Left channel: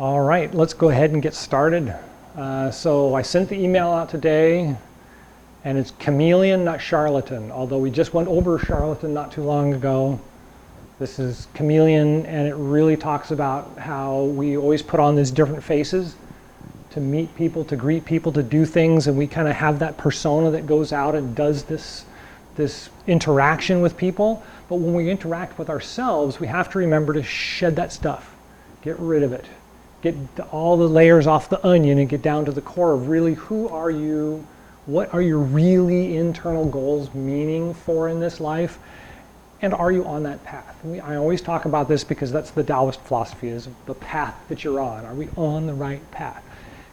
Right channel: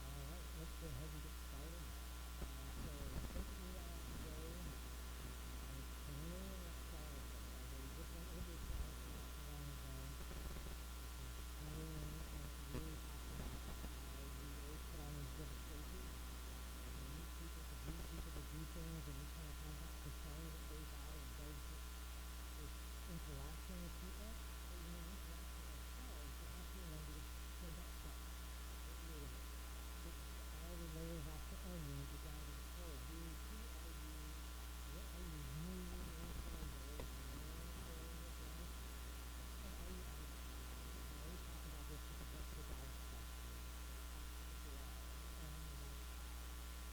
All right, let's go ahead and get started. So I sent the email out today, and it's chameleon, not charlatan, although we just went over charlatan not too long ago. This is chameleon, and it really talks about how we always put on these different faces to meet people, to greet people, to do things, and we kind of have that persona that goes out and does this interaction with people. But when we interact with ourselves, we have to remember to shed that stuff, get rid of it. Get all the layers off the onion and get down to the core of really who are you, what are your really internal goals meaning for in this life, and are you on that path? I always talk about this because that's the Taoist philosophy, is the path that you're on. Are we on the right path?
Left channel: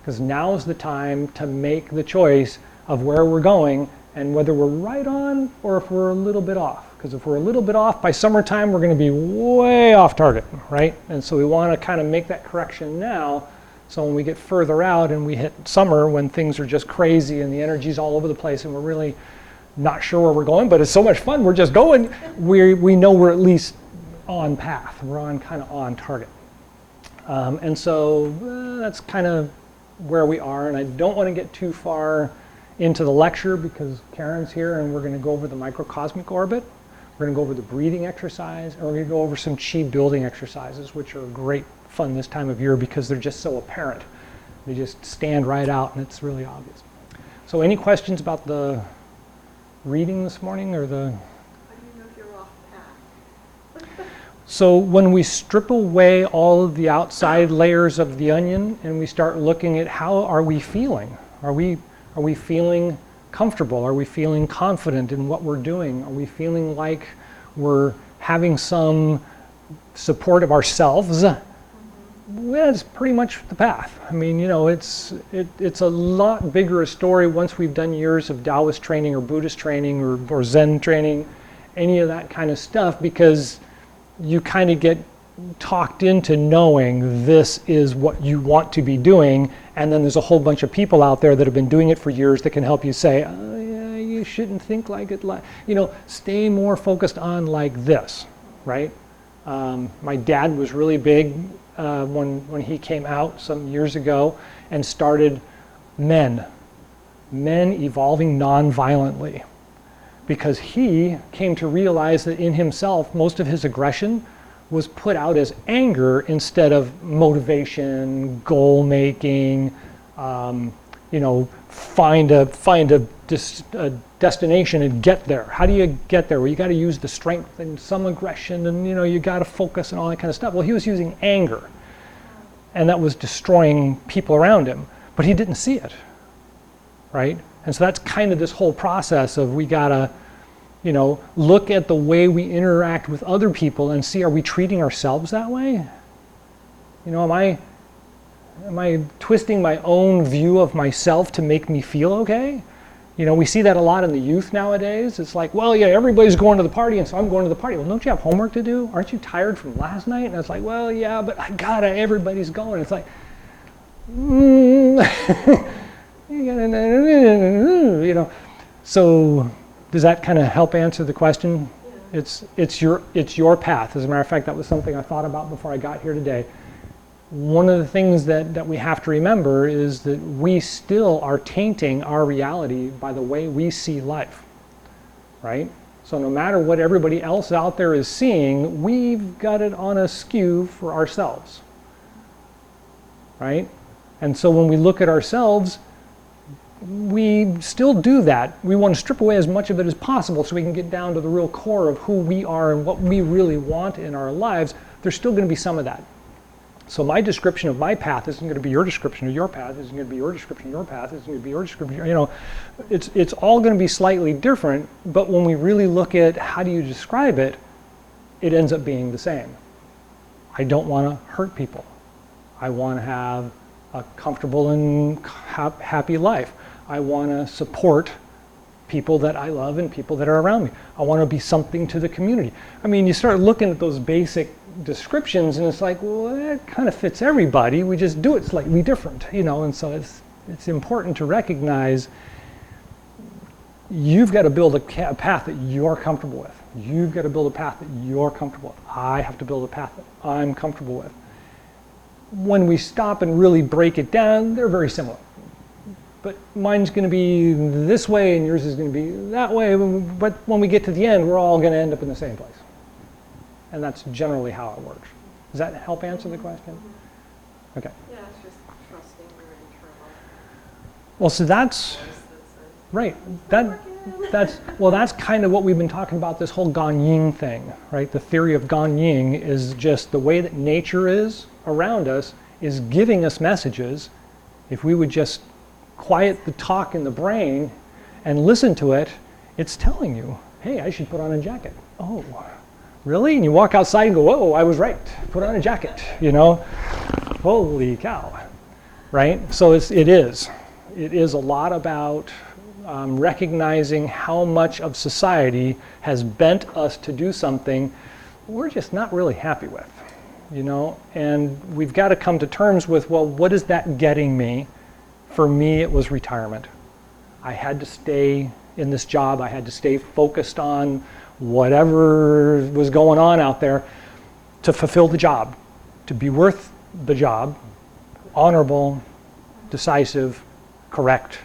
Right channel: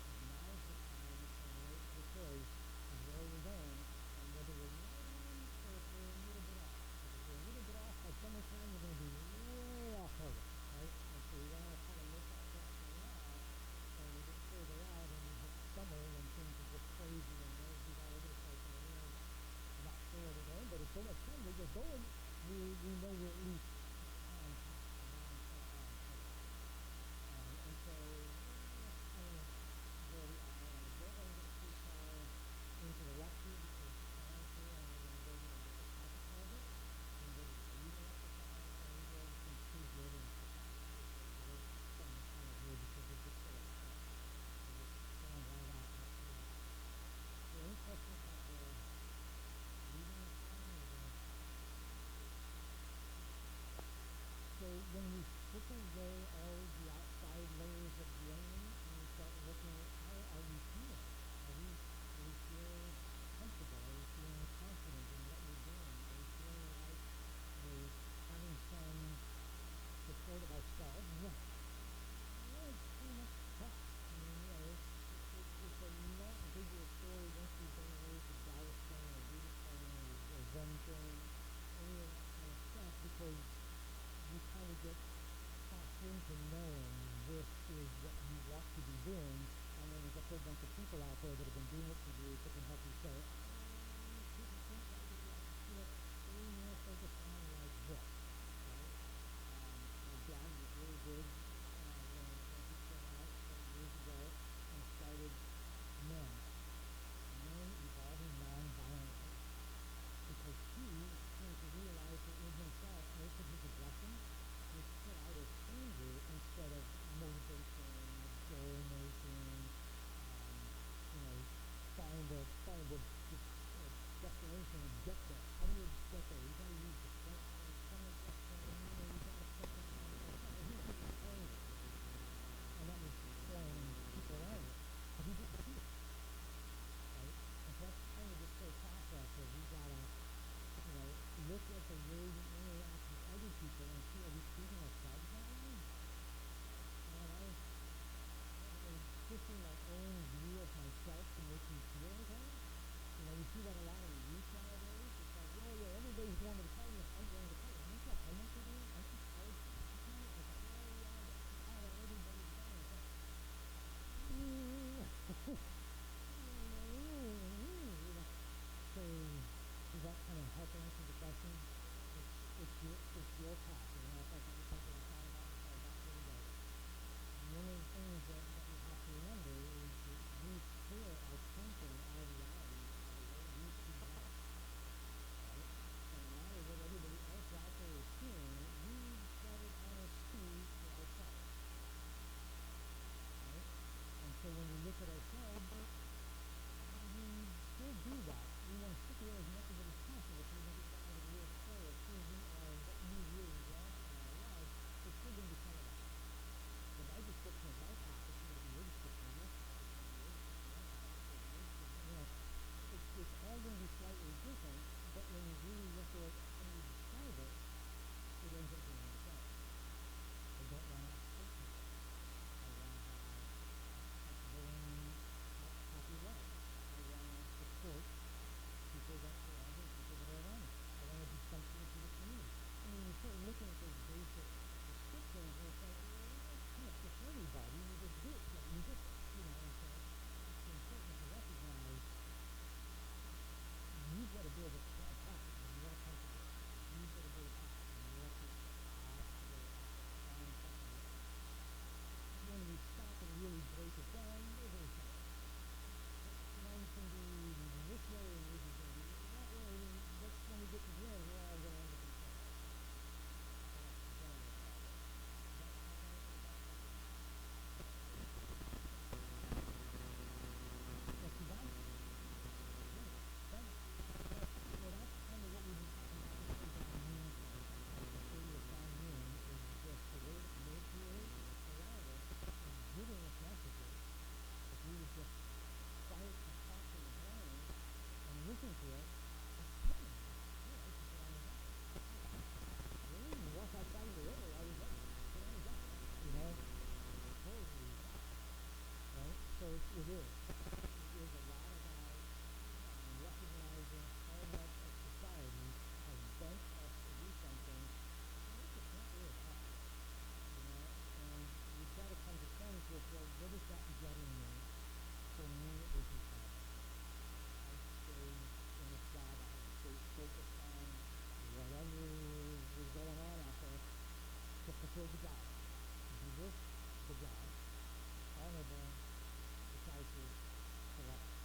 Because now is the time to make the choice of where we're going and whether we're right on or if we're a little bit off. Because if we're a little bit off, by summertime, we're going to be way off target, right? And so we want to kind of make that correction now, so when we get further out and we hit summer when things are just crazy and the energy's all over the place and we're really not sure where we're going, but it's so much fun, we're just going, we know we're at least on path. We're on kind of on target. And so that's kind of where we are, and I don't want to get too far into the lecture because Karen's here and we're going to go over the microcosmic orbit. We're going to go over the breathing exercise, and we're going to go over some chi building exercises, which are great fun this time of year because they're just so apparent. They just stand right out and it's really obvious. So any questions about the reading this morning or the... How do you know if you're off path? So when we strip away all of the outside layers of the onion and we start looking at how are we feeling? Are we feeling comfortable? Are we feeling confident in what we're doing? Are we feeling like we're having some support of ourselves? Well, that's pretty much the path. I mean, you know, it's a lot bigger a story once we've done years of Taoist training or Buddhist training or Zen training, any of that kind of stuff, because you kind of get talked into knowing this is what you want to be doing, and then there's a whole bunch of people out there that have been doing it for years that can help you say, oh, yeah, you shouldn't think like it, you know, stay more focused on like this, right? My dad was really big when he came out some years ago and started men evolving non-violently, because he came to realize that in himself most of his aggression was put out as anger instead of motivation, goal making, you know, find a destination and get there. How do you get there? Well, you got to use the strength and some aggression, and you know, you got to focus and all that kind of stuff. Well, he was using anger, and that was destroying people around him, but he didn't see it, right? And so that's kind of this whole process of we gotta, you know, look at the way we interact with other people and see, are we treating ourselves that way? You know, am I twisting my own view of myself to make me feel okay? You know, we see that a lot in the youth nowadays. It's like, well, yeah, everybody's going to the party, and so I'm going to the party. Well, don't you have homework to do? Aren't you tired from last night? And it's like, well, yeah, but everybody's going. It's like, you know, so does that kind of help answer the question? Yeah. It's your path. As a matter of fact, that was something I thought about before I got here today. One of the things that we have to remember is that we still are tainting our reality by the way we see life, right? So no matter what everybody else out there is seeing, we've got it on a skew for ourselves, right? And so when we look at ourselves, we still do that. We want to strip away as much of it as possible so we can get down to the real core of who we are and what we really want in our lives. There's still going to be some of that. So my description of my path isn't going to be your description of your path, isn't going to be your description of your path, isn't going to be your description, you know, it's all going to be slightly different, but when we really look at how do you describe it, it ends up being the same. I don't want to hurt people. I want to have a comfortable and happy life. I want to support people that I love and people that are around me. I want to be something to the community. I mean, you start looking at those basic descriptions and it's like, well, that kind of fits everybody. We just do it slightly different, you know, and so it's important to recognize you've got to build a path that you're comfortable with. You've got to build a path that you're comfortable with. I have to build a path that I'm comfortable with. when we stop and really break it down, they're very similar. But mine's going to be this way and yours is going to be that way. But when we get to the end, we're all going to end up in the same place. And that's generally how it works. Does that help answer the question? Okay. Yeah, it's just trusting your internal. Well, so that's right. That's kind of what we've been talking about, this whole Ganying thing, right? The theory of Ganying is just the way that nature is around us is giving us messages. If we would just quiet the talk in the brain and listen to it, it's telling you, hey, I should put on a jacket. Oh, really? And you walk outside and go, whoa, I was right. Put on a jacket, you know? Holy cow, right? So it is a lot about recognizing how much of society has bent us to do something we're just not really happy with, you know? And we've got to come to terms with, well, what is that getting me? For me, it was retirement. I had to stay in this job. I had to stay focused on whatever was going on out there to fulfill the job, to be worth the job, honorable, decisive, correct,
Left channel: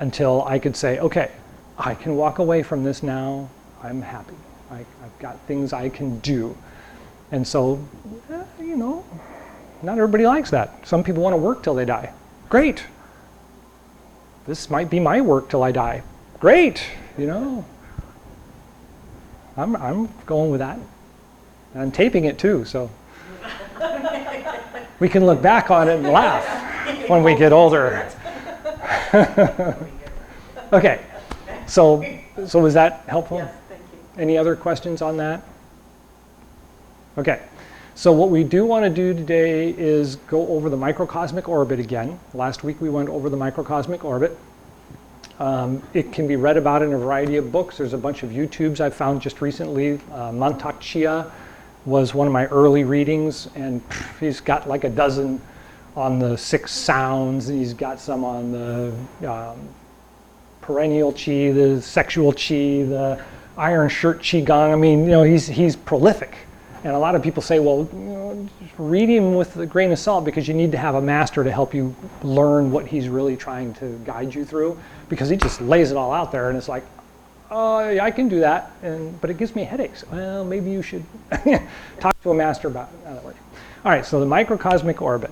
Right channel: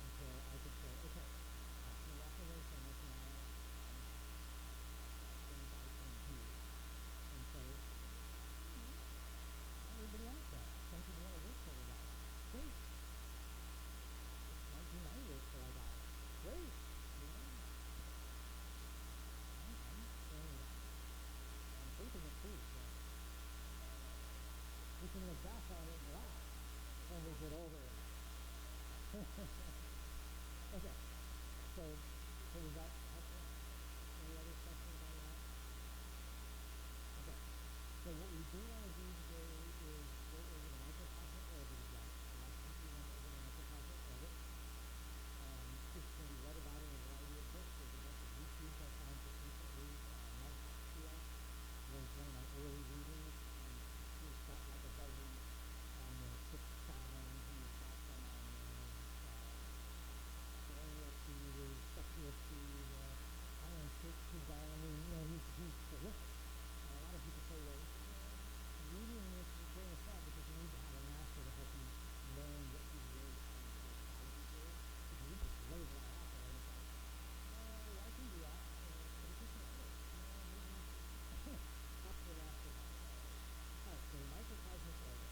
until I could say, okay, I can walk away from this now. I'm happy. I've got things I can do. And so, you know, not everybody likes that. Some people want to work till they die. Great. This might be my work till I die. Great, you know. I'm going with that. And I'm taping it too, so we can look back on it and laugh when we get older. Okay, so was that helpful? Yes, thank you. Any other questions on that? Okay, so what we do want to do today is go over the microcosmic orbit again. Last week we went over the microcosmic orbit. It can be read about in a variety of books. There's a bunch of YouTubes I found just recently. Mantak Chia was one of my early readings, and he's got like a dozen on the 6 sounds, and he's got some on the perennial Chi, the sexual Chi, the iron shirt Chi Gung. I mean, you know, he's prolific. And a lot of people say, well, you know, read him with a grain of salt because you need to have a master to help you learn what he's really trying to guide you through, because he just lays it all out there and it's like, oh, yeah, I can do that, but it gives me headaches. Well, maybe you should talk to a master about it. That way. All right, so the microcosmic orbit.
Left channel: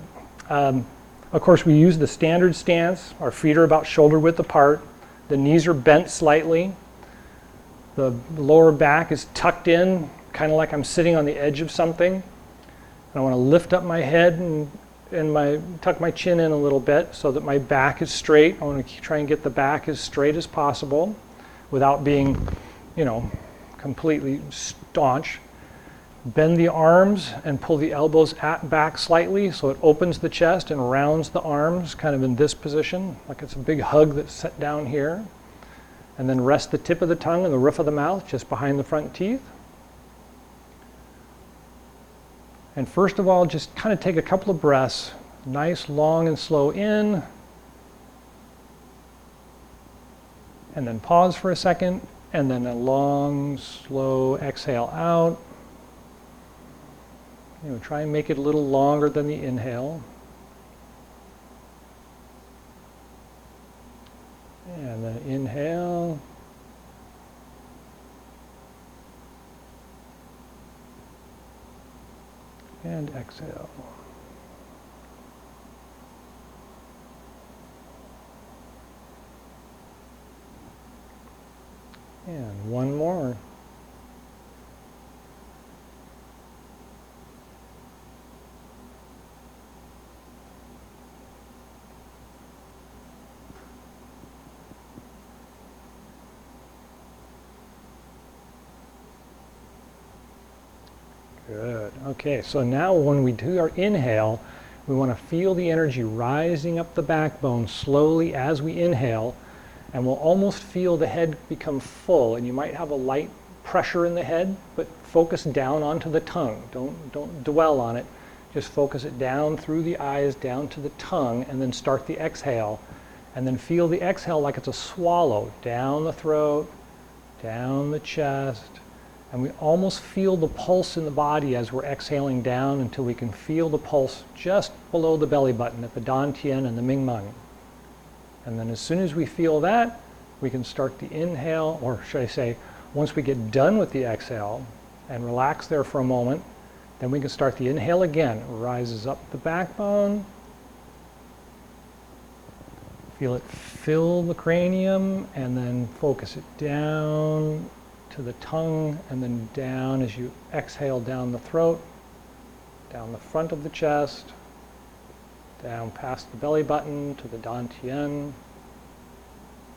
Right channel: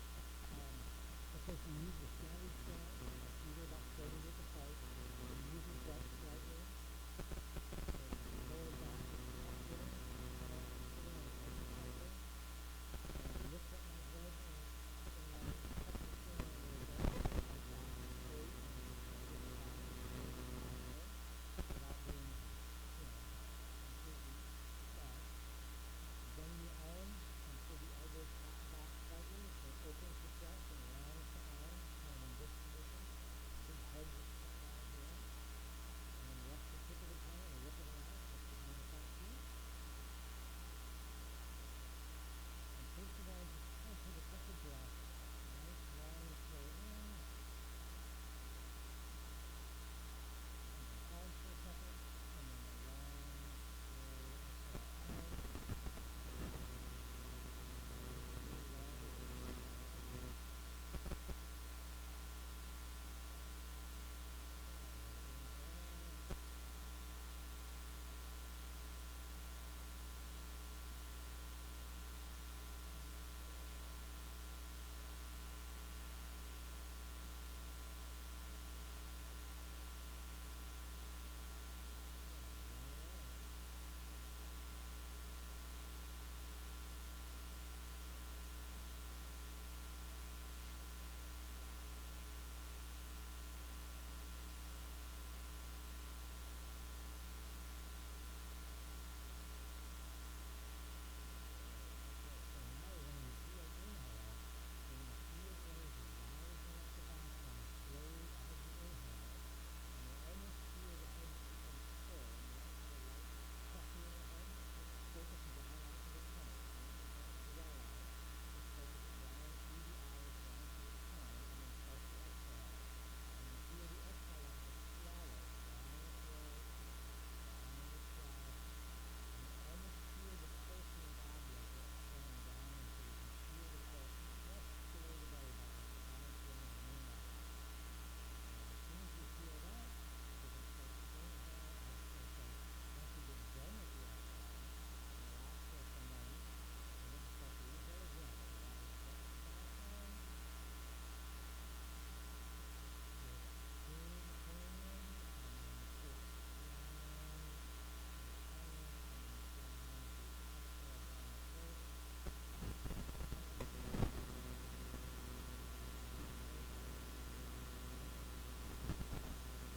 Of course, we use the standard stance. Our feet are about shoulder width apart. The knees are bent slightly. The lower back is tucked in, kind of like I'm sitting on the edge of something. And I want to lift up my head and tuck my chin in a little bit so that my back is straight. I want to try and get the back as straight as possible without being, you know, completely staunch. Bend the arms and pull the elbows back slightly so it opens the chest and rounds the arms, kind of in this position, like it's a big hug that's set down here. And then rest the tip of the tongue and the roof of the mouth just behind the front teeth. And first of all, just kind of take a couple of breaths, nice, long, and slow in. And then pause for a second, and then a long, slow exhale out. You know, try and make it a little longer than the inhale. And then inhale. And exhale. And one more. Good. Okay, so now when we do our inhale, we want to feel the energy rising up the backbone slowly as we inhale, and we'll almost feel the head become full, and you might have a light pressure in the head, but focus down onto the tongue. Don't dwell on it. Just focus it down through the eyes, down to the tongue, and then start the exhale. And then feel the exhale like it's a swallow, down the throat, down the chest, And we almost feel the pulse in the body as we're exhaling down until we can feel the pulse just below the belly button at the Dantian and the Mingmeng. And then as soon as we feel that, we can start the inhale, or should I say, once we get done with the exhale and relax there for a moment, then we can start the inhale again. It rises up the backbone. Feel it fill the cranium, and then focus it down to the tongue, and then down as you exhale down the throat, down the front of the chest, down past the belly button to the Dantian,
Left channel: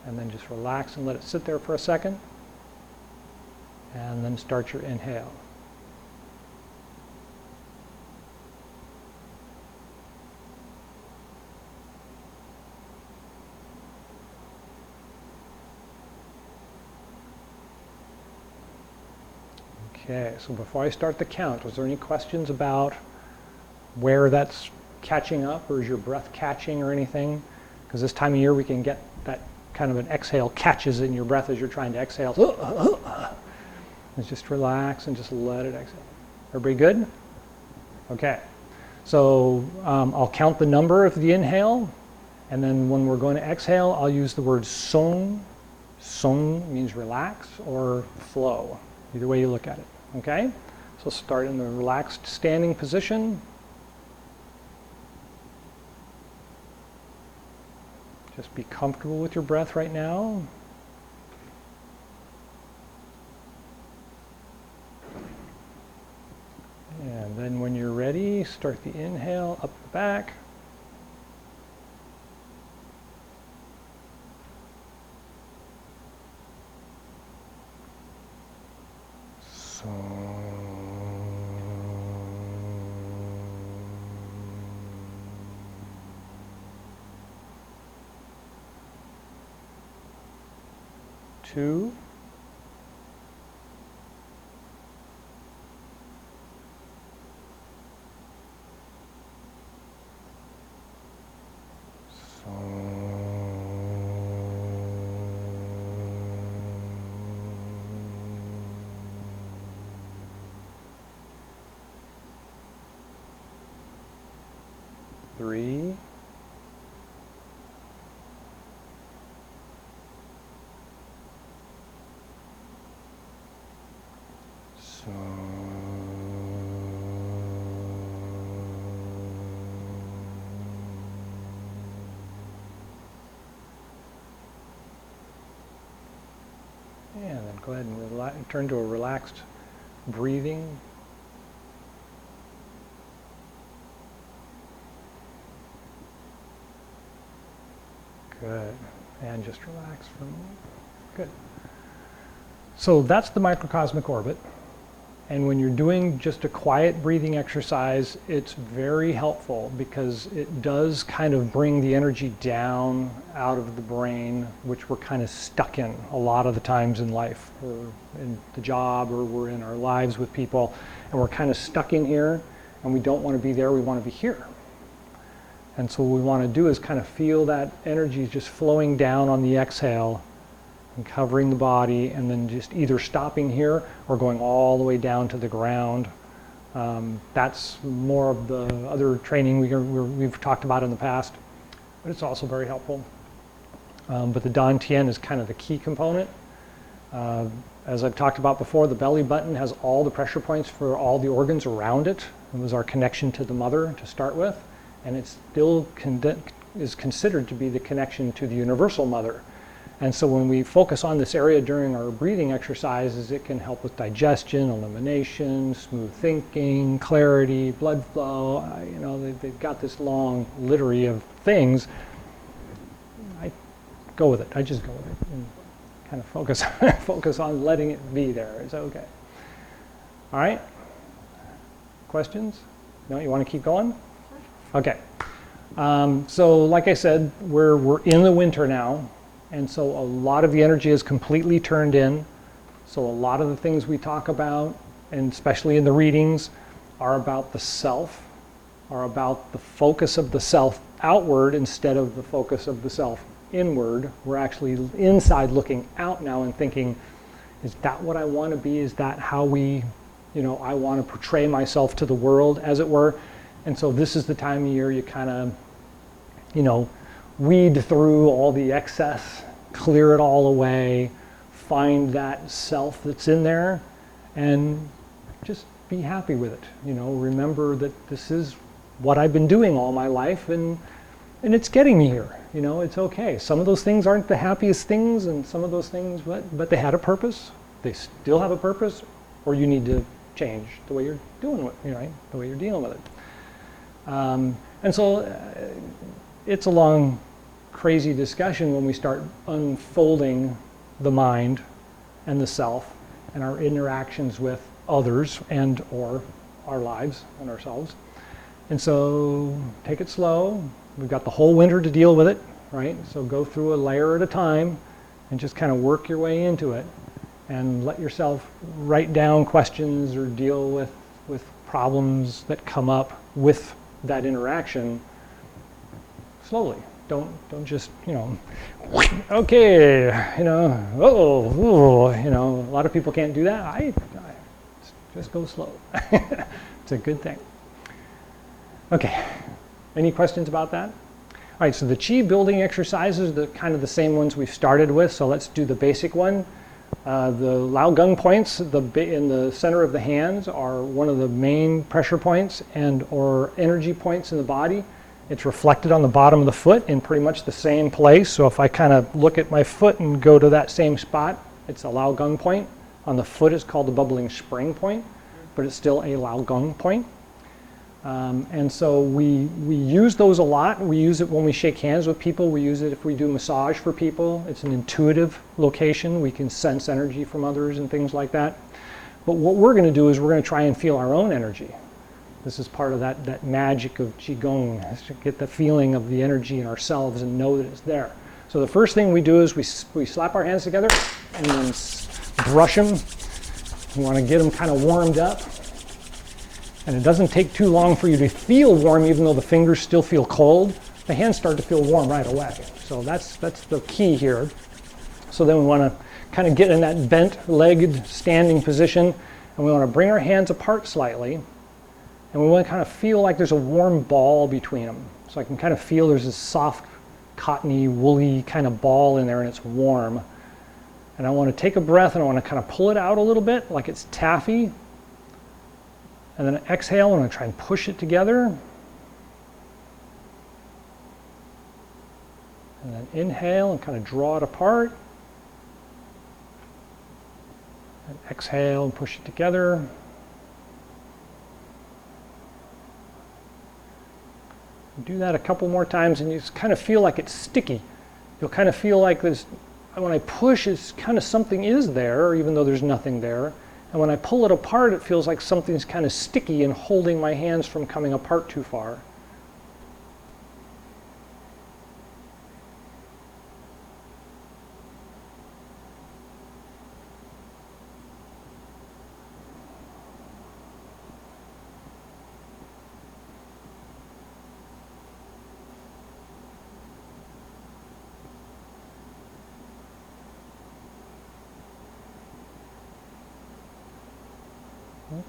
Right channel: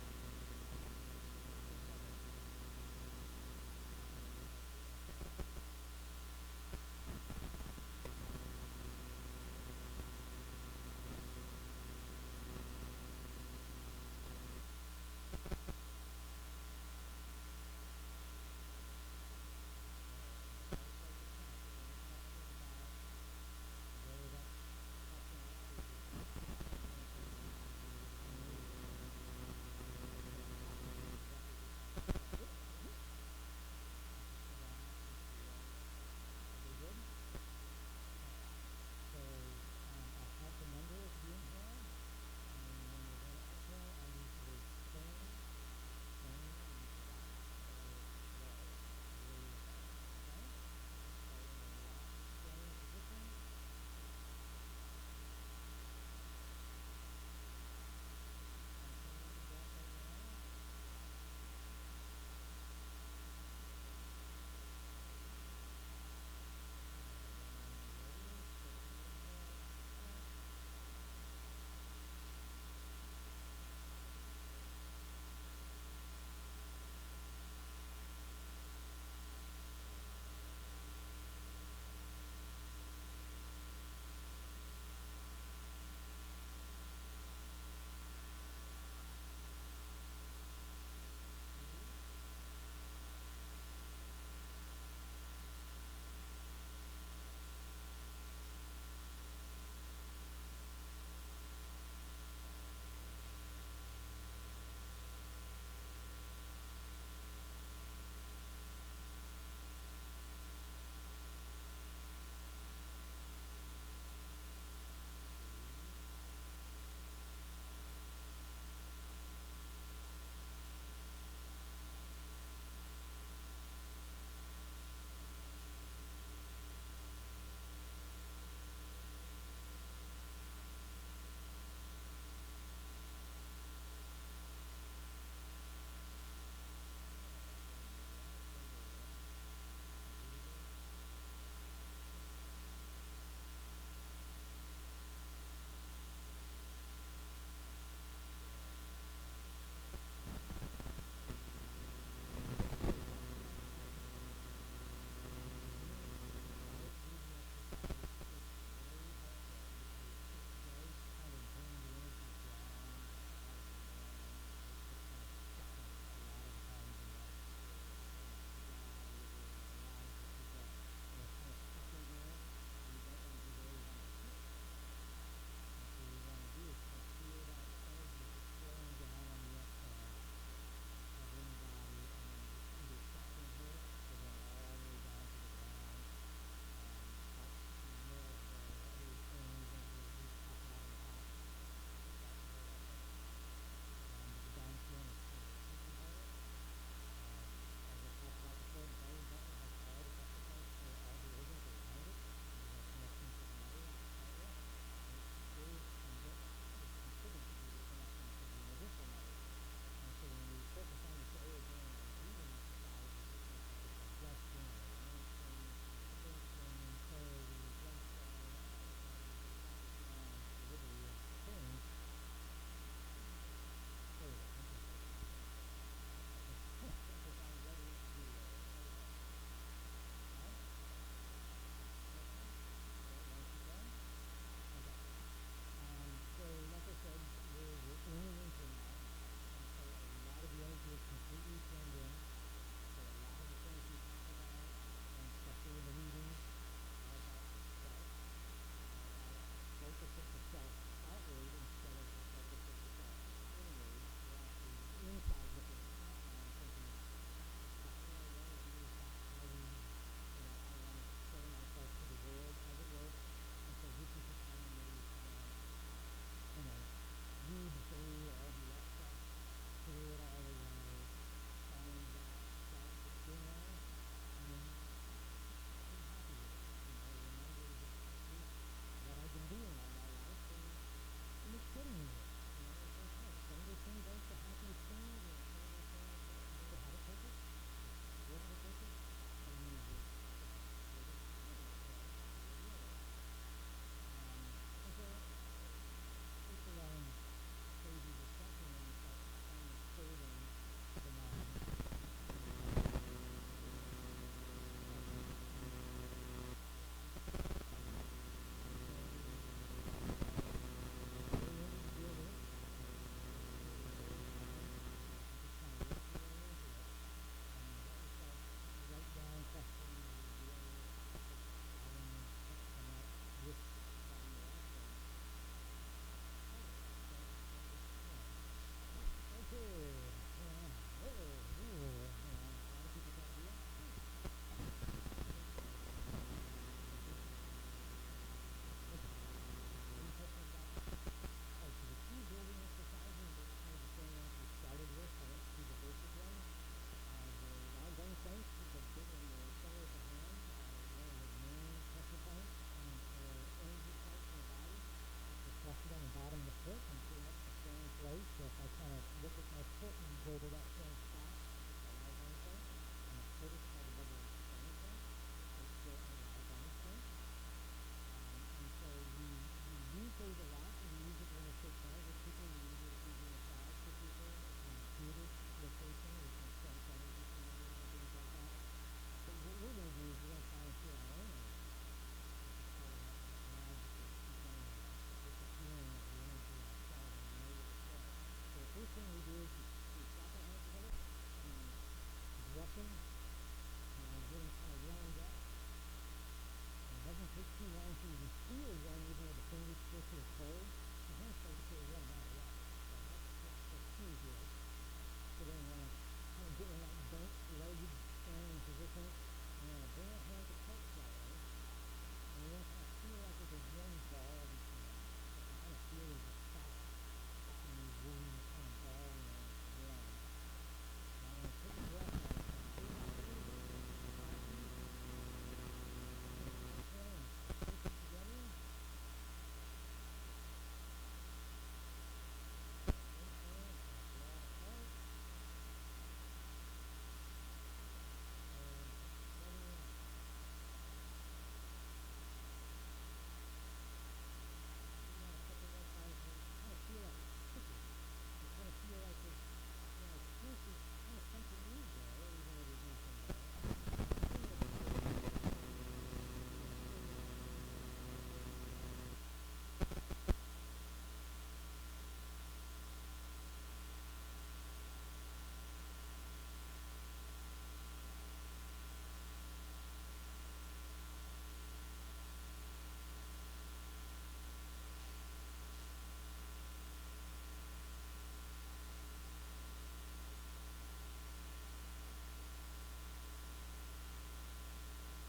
and then just relax and let it sit there for a second, and then start your inhale. Okay, so before I start the count, was there any questions about where that's catching up, or is your breath catching or anything? Because this time of year we can get that kind of an exhale catches in your breath as you're trying to exhale. And just relax and just let it exhale. Everybody good? Okay, so I'll count the number of the inhale, and then when we're going to exhale, I'll use the word song. Song means relax or flow, either way you look at it. Okay, so start in the relaxed standing position. Just be comfortable with your breath right now. And then when you're ready, start the inhale up the back. Two. Three. And then go ahead and turn to a relaxed breathing. Good. And just relax for a moment. Good. So that's the microcosmic orbit. And when you're doing just a quiet breathing exercise, it's very helpful because it does kind of bring the energy down out of the brain, which we're kind of stuck in a lot of the times in life, or in the job, or we're in our lives with people, and we're kind of stuck in here, and we don't want to be there, we want to be here. And so what we want to do is kind of feel that energy just flowing down on the exhale and covering the body, and then just either stopping here or going all the way down to the ground. That's more of the other training we've talked about in the past, but it's also very helpful. But the Dantian is kind of the key component. As I've talked about before, the belly button has all the pressure points for all the organs around it. It was our connection to the mother to start with, and it still is considered to be the connection to the universal mother. And so when we focus on this area during our breathing exercises, it can help with digestion, elimination, smooth thinking, clarity, blood flow. They've got this long litany of things. I go with it. I just go with it and kind of focus on letting it be there. It's okay. All right? Questions? No, you want to keep going? Okay. So like I said, we're in the winter now. And so a lot of the energy is completely turned in. So a lot of the things we talk about, and especially in the readings, are about the self, are about the focus of the self outward instead of the focus of the self inward. We're actually inside looking out now and thinking, Is that what I want to be? Is that how I want to portray myself to the world, as it were? And so this is the time of year you kind of, weed through all the excess, clear it all away, find that self that's in there, and just be happy with it. Remember that this is what I've been doing all my life, and it's getting me here. It's okay. Some of those things aren't the happiest things, and some of those things, but they had a purpose. They still have a purpose, or you need to change the way you're doing it, right? The way you're dealing with it. And so it's a long, crazy discussion when we start unfolding the mind and the self and our interactions with others and or our lives and ourselves. And so take it slow. We've got the whole winter to deal with it, right? So go through a layer at a time and just kind of work your way into it, and let yourself write down questions or deal with problems that come up with that interaction slowly. Don't just, okay, a lot of people can't do that. I just go slow. It's a good thing. Okay, any questions about that? All right, so the Chi building exercises are kind of the same ones we've started with, so let's do the basic one. The Lao Gung points in the center of the hands are one of the main pressure points or energy points in the body. It's reflected on the bottom of the foot in pretty much the same place. So if I kind of look at my foot and go to that same spot, it's a Lao Gung point. On the foot it's called the bubbling spring point, but it's still a Lao Gung point. And so we use those a lot. We use it when we shake hands with people. We use it if we do massage for people. It's an intuitive location. We can sense energy from others and things like that. But what we're going to do is we're going to try and feel our own energy. This is part of that magic of Chi Gung, is to get the feeling of the energy in ourselves and know that it's there. So the first thing we do is we slap our hands together and then brush them. We want to get them kind of warmed up. And it doesn't take too long for you to feel warm, even though the fingers still feel cold. The hands start to feel warm right away. So that's the key here. So then we want to kind of get in that bent-legged standing position, and we want to bring our hands apart slightly, and we want to kind of feel like there's a warm ball between them. So I can kind of feel there's this soft, cottony, woolly kind of ball in there, and it's warm. And I want to take a breath, and I want to kind of pull it out a little bit, like it's taffy. And then exhale, I'm going to try and push it together. And then inhale and kind of draw it apart. And exhale and push it together. Do that a couple more times and you just kind of feel like it's sticky. You'll kind of feel like there's, when I push, it's kind of something is there, even though there's nothing there. And when I pull it apart, it feels like something's kind of sticky and holding my hands from coming apart too far.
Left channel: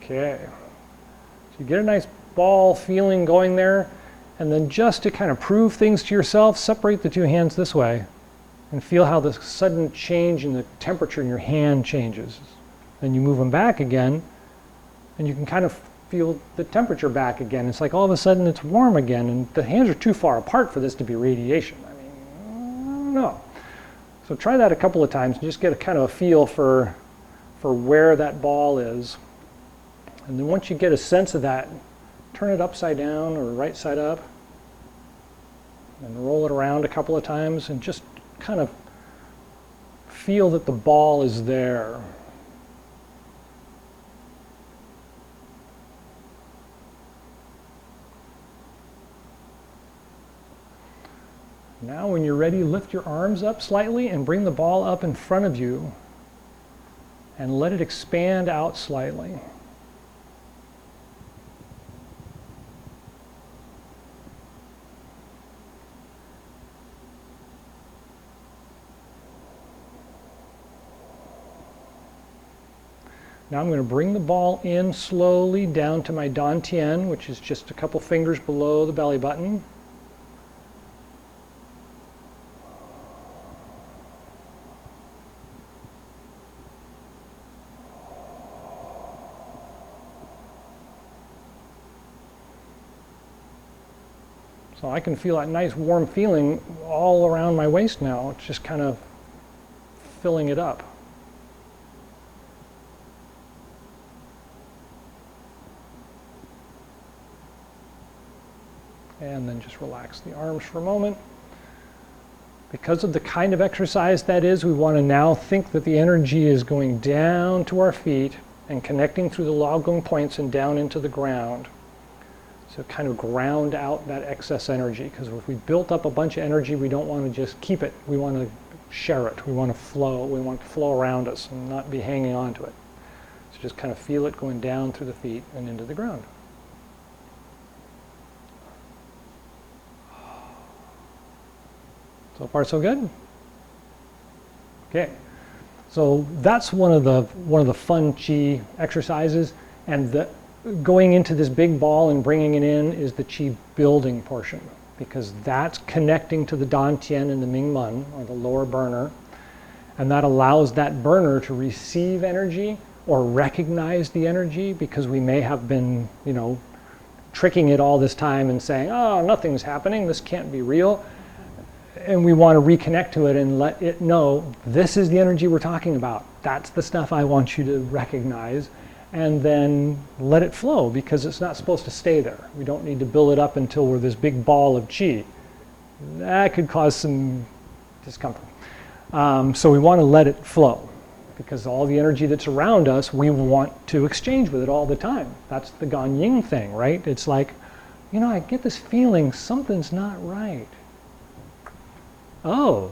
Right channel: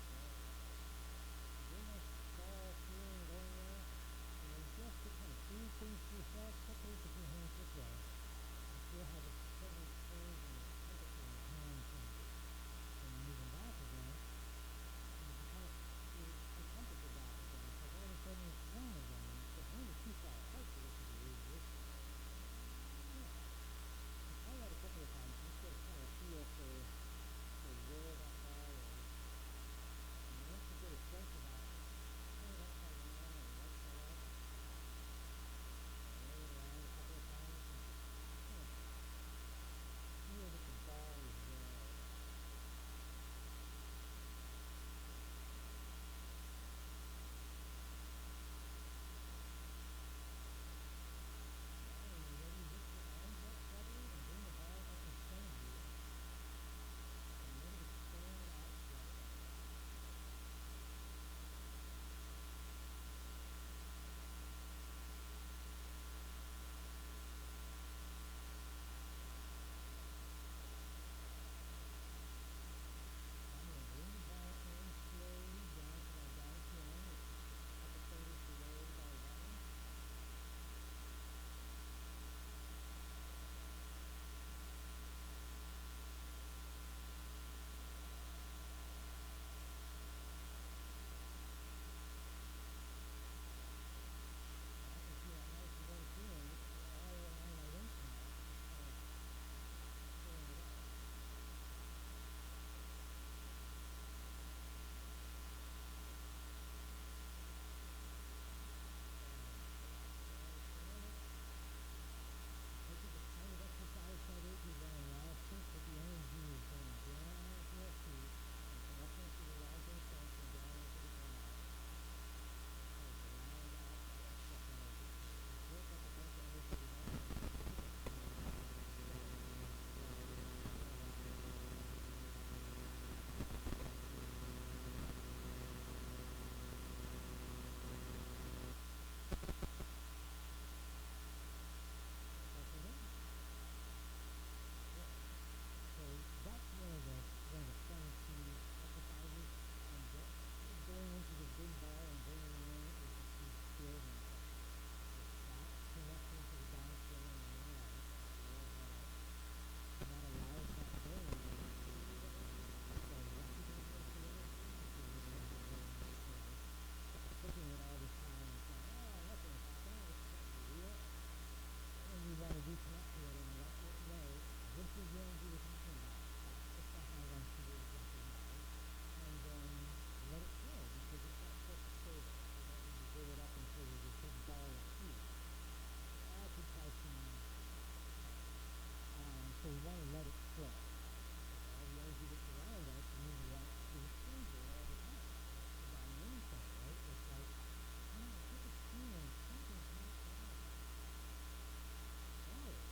Okay, so you get a nice ball feeling going there, and then just to kind of prove things to yourself, separate the two hands this way and feel how the sudden change in the temperature in your hand changes. Then you move them back again, and you can kind of feel the temperature back again. It's like all of a sudden it's warm again, and the hands are too far apart for this to be radiation. I don't know. So try that a couple of times and just get a kind of a feel for where that ball is. And then once you get a sense of that, turn it upside down or right side up and roll it around a couple of times and just kind of feel that the ball is there. Now when you're ready, lift your arms up slightly and bring the ball up in front of you and let it expand out slightly. Now I'm going to bring the ball in slowly down to my dantian, which is just a couple fingers below the belly button. So I can feel that nice warm feeling all around my waist now. It's just kind of filling it up. And then just relax the arms for a moment. Because of the kind of exercise that is, we want to now think that the energy is going down to our feet and connecting through the lagong points and down into the ground. So kind of ground out that excess energy, because if we built up a bunch of energy, we don't want to just keep it. We want to share it. We want to flow. We want to flow around us and not be hanging on to it. So just kind of feel it going down through the feet and into the ground. So far, so good? Okay. So that's one of the fun Chi exercises, and going into this big ball and bringing it in is the Chi building portion, because that's connecting to the dantian and the Mingmen, or the lower burner, and that allows that burner to receive energy or recognize the energy, because we may have been, tricking it all this time and saying, oh, nothing's happening, this can't be real. And we want to reconnect to it and let it know, this is the energy we're talking about. That's the stuff I want you to recognize. And then let it flow, because it's not supposed to stay there. We don't need to build it up until we're this big ball of Chi. That could cause some discomfort. So we want to let it flow, because all the energy that's around us, we want to exchange with it all the time. That's the Ganying thing, right? It's like, I get this feeling something's not right. Oh,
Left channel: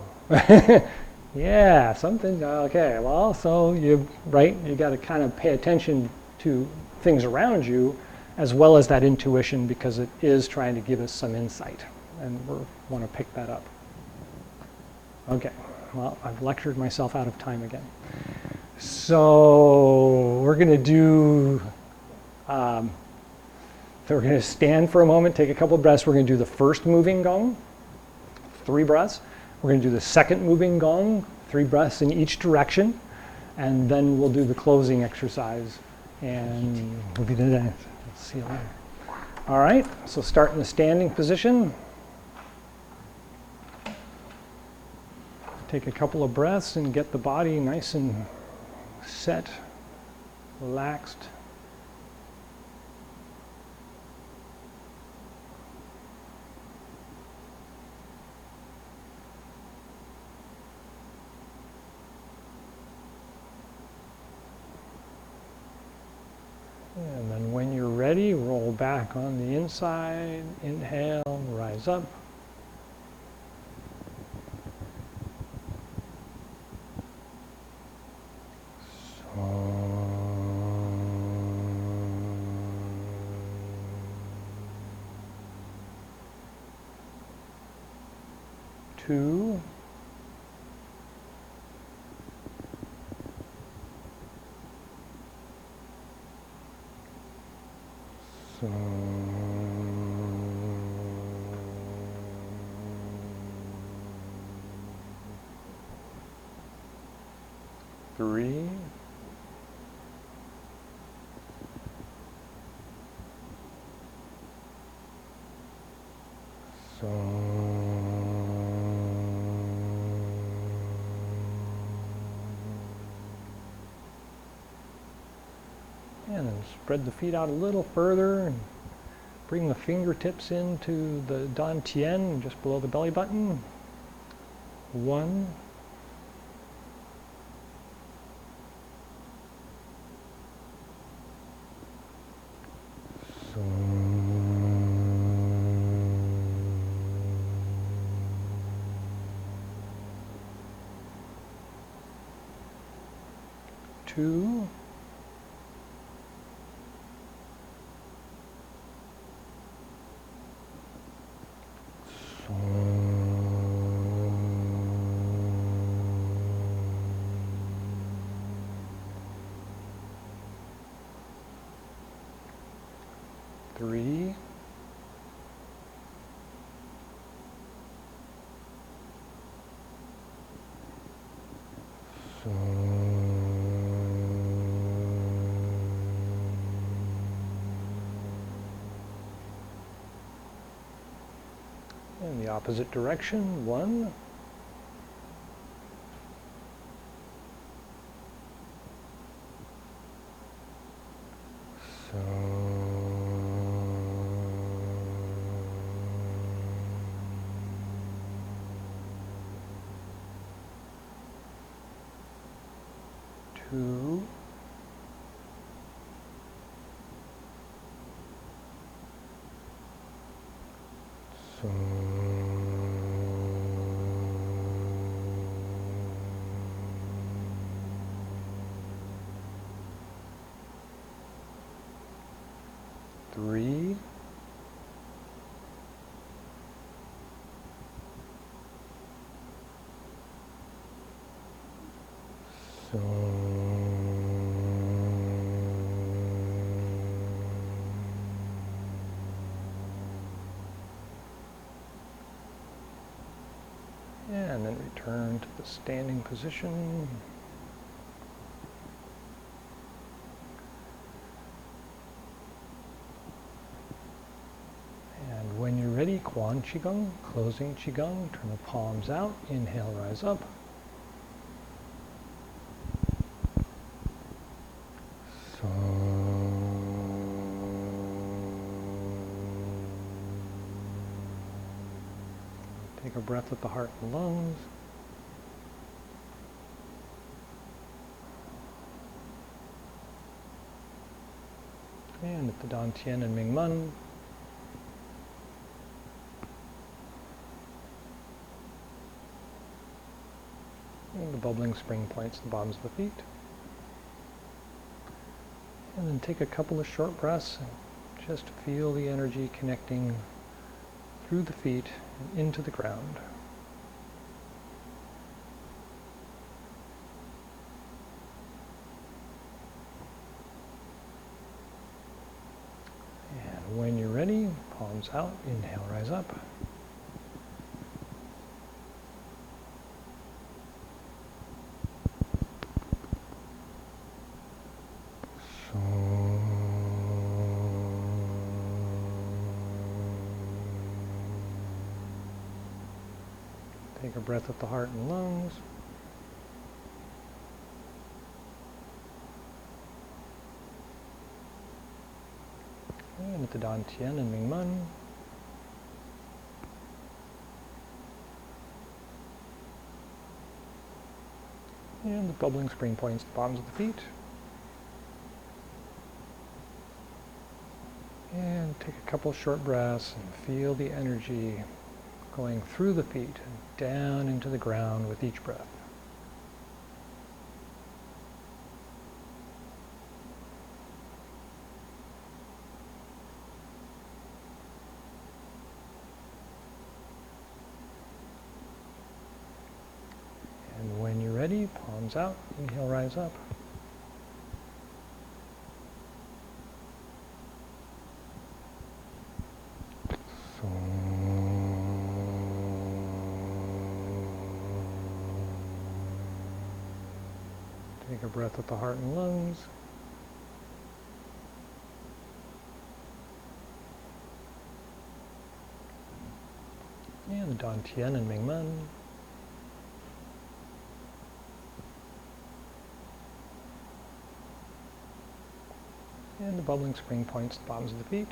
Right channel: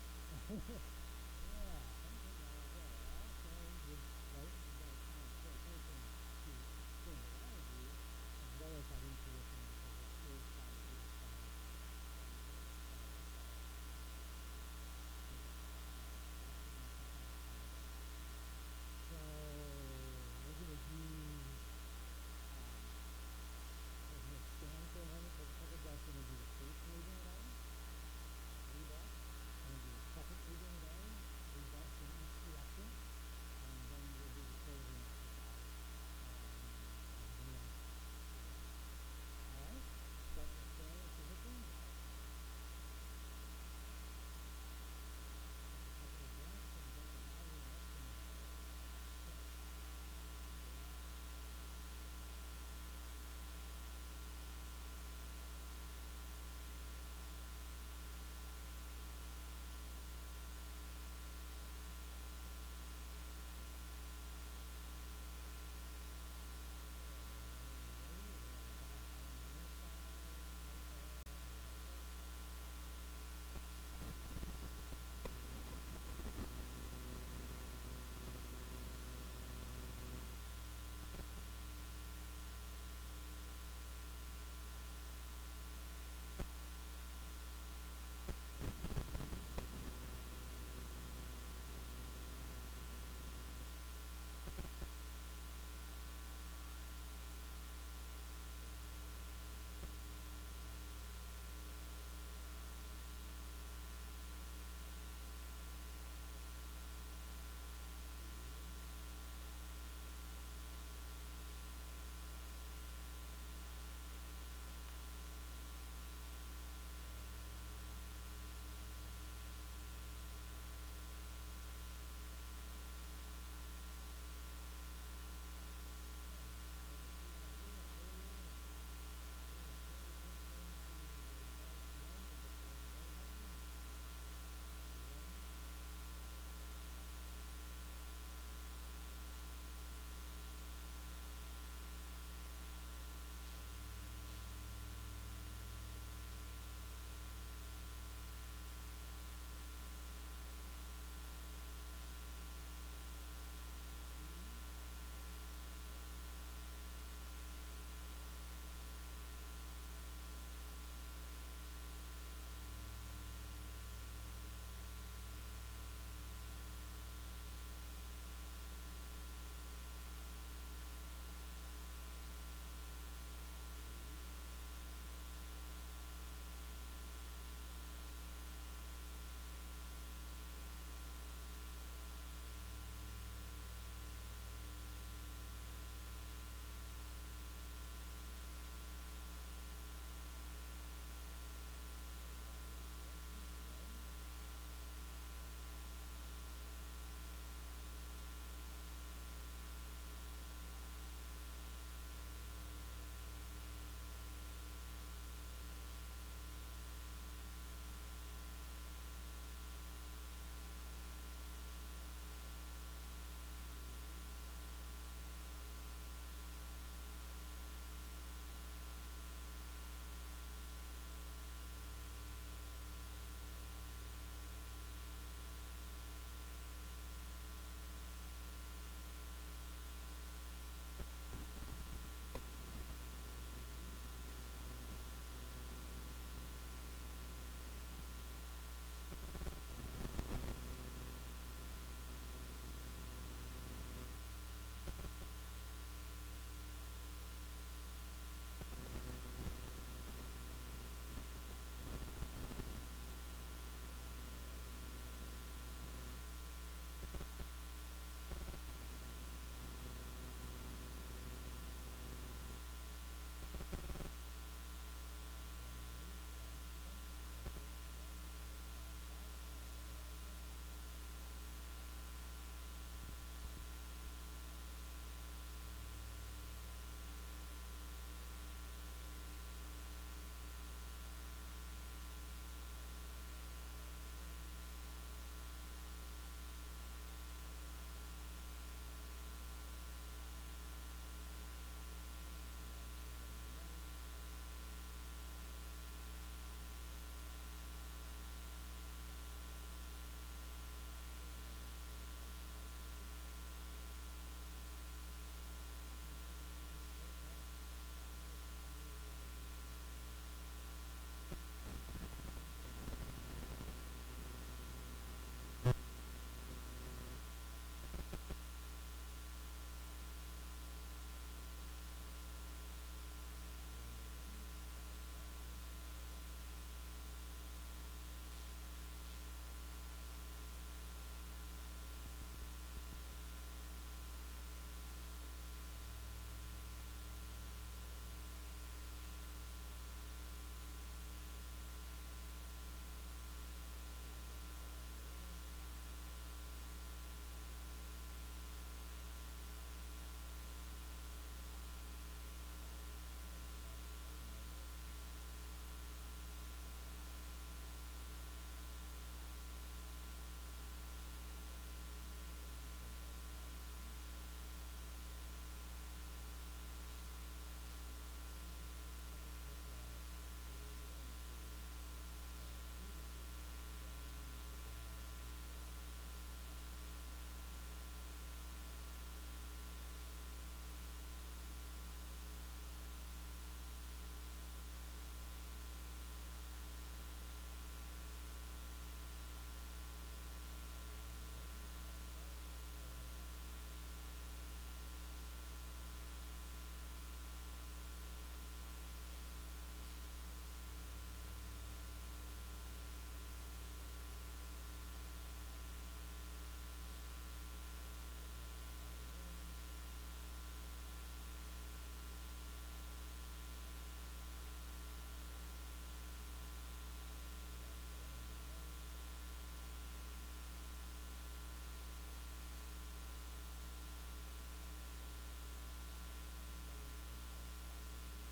yeah, something, okay, well, so you got to kind of pay attention to things around you, as well as that intuition, because it is trying to give us some insight, and we want to pick that up. Okay, well, I've lectured myself out of time again. So we're going to do, we're going to stand for a moment, take a couple of breaths. We're going to do the first moving gong, 3 breaths. We're going to do the second moving gong, 3 breaths in each direction, and then we'll do the closing exercise, and we'll be done. Let's see you later. All right, so start in the standing position. Take a couple of breaths and get the body nice and set, relaxed. And then when you're ready, roll back on the inside, inhale, rise up. Two. So, 3. So, and then spread the feet out a little further and bring the fingertips into the dantian just below the belly button. 1. So, 2. 3, in the opposite direction, 1, two, so, 3, so, and then return to the standing position. And when you're ready, Quan Chi Gung, closing Chi Gung, turn the palms out, inhale, rise up. So, take a breath with the heart and lungs. And at the Dantian and Mingmen. And the bubbling spring points the bottoms of the feet. And then take a couple of short breaths and just feel the energy connecting through the feet and into the ground. And when you're ready, palms out, inhale, rise up. Take a breath with the heart and lungs. And at the Dantian and Mingmen. And the bubbling spring points the bottoms of the feet. And take a couple short breaths and feel the energy going through the feet and down into the ground with each breath. And when you're ready, palms out, inhale, rise up. Take a breath with the heart and lungs. And the Dantian and Mingmen. And the bubbling spring points the bottoms of the feet.